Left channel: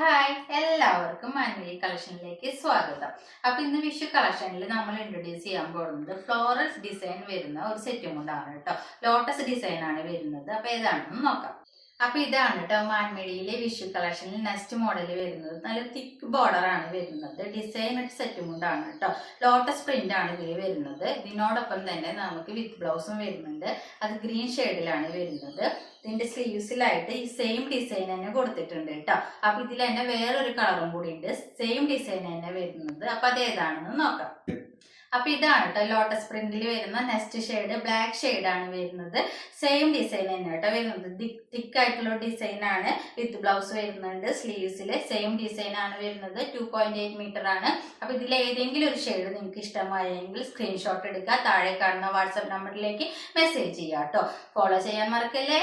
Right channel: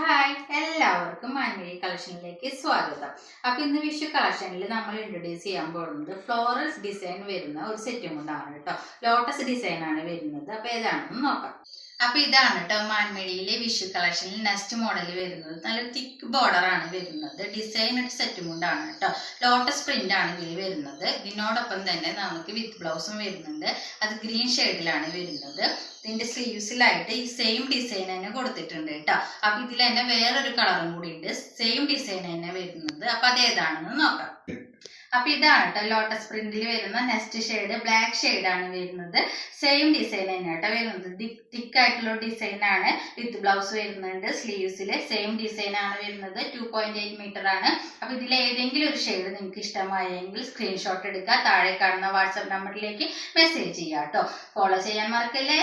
Hi, എല്ലാവർക്കും മാൻവി കളക്ഷനിലേക്ക് സ്വാഗതം. അപ്പൊ ഇന്ന് വിഷു കളക്ഷനിൽ നമ്മൾ ഇൻട്രൊഡ്യൂസ് ചെയ്യാൻ പോകുന്നത് ഫ്ലോറൽ ഡിസൈൻ വരുന്ന ഒരു സെറ്റും കൊണ്ടാണ് കേട്ടോ. ലോട്ടസ് ഡിസൈൻ ആണ് വരുന്നത്. അപ്പൊ ഏതാണെന്ന് നോക്കാം. അപ്പൊ ഇതാണ് കേട്ടോ മാൻമേടിയിലെ വിഷു കളക്ഷനിൽ നെക്സ്റ്റ് മോഡൽ വരുന്നത്. നല്ല തിക്ക് ബോർഡർ ആണ് വരുന്നത്. ഡിസൈൻ സെറ്റും കൊണ്ടാണ് കേട്ടോ. ലോട്ടസ് പ്രിന്റ് ആണ് ഇതിൽ വരുന്നത്. ഇതിനോടൊപ്പം തന്നെ നമുക്ക് വിത്ത് ബ്ലൗസും വരുന്നുണ്ട്. അത് ഗ്രീൻ ഷെയ്ഡിലാണ് വരുന്നത്. ഇതിന്റെ സ്ലീവ്സിലായിട്ട് ഈ സെയിം ഡിസൈൻ തന്നെ കൊടുത്തിട്ടുണ്ട് കേട്ടോ. അപ്പൊ ഇതിൽ തന്നെ വേറൊരു കളറും കൂടി ഉണ്ട്. സെയിം ഡിസൈൻ തന്നെ വരുന്നത്. അപ്പൊ അത് ഏതാണെന്ന് നോക്കാം. അപ്പൊ ഇതാണ് കേട്ടോ ലോട്ടസ് പ്രിന്റിൽ വരുന്ന നെക്സ്റ്റ് ഷെയ്ഡ്. ബ്ലാക്ക് ഷെയ്ഡ് ആണ് വരുന്നത്. സെയിം ഡിസൈൻ തന്നെ കേട്ടോ വരുന്നത്. തിക്ക് ആയിട്ടുള്ള ഡിസൈൻ ആണ്. വിത്ത് ബ്ലൗസ് വരുന്നുണ്ട്. സ്ലീവ്സിൽ സെയിം ഡിസൈൻ ആണ് വരുന്നത്. 2.8 മീറ്റർ ആണ്. അപ്പൊ ഇതിൽ ഏതെങ്കിലും ഒരു ഷെയ്ഡ് നിങ്ങൾക്ക് ഇഷ്ടമായെങ്കിൽ സ്ക്രീൻഷോട്ട് എടുക്കുക. താഴെ കാണുന്ന വാട്സാപ്പ് നമ്പറിലേക്ക് മെസ്സേജ് ചെയ്യാം കേട്ടോ. ഫോളോ ചെയ്യാൻ മറക്കല്ലേ.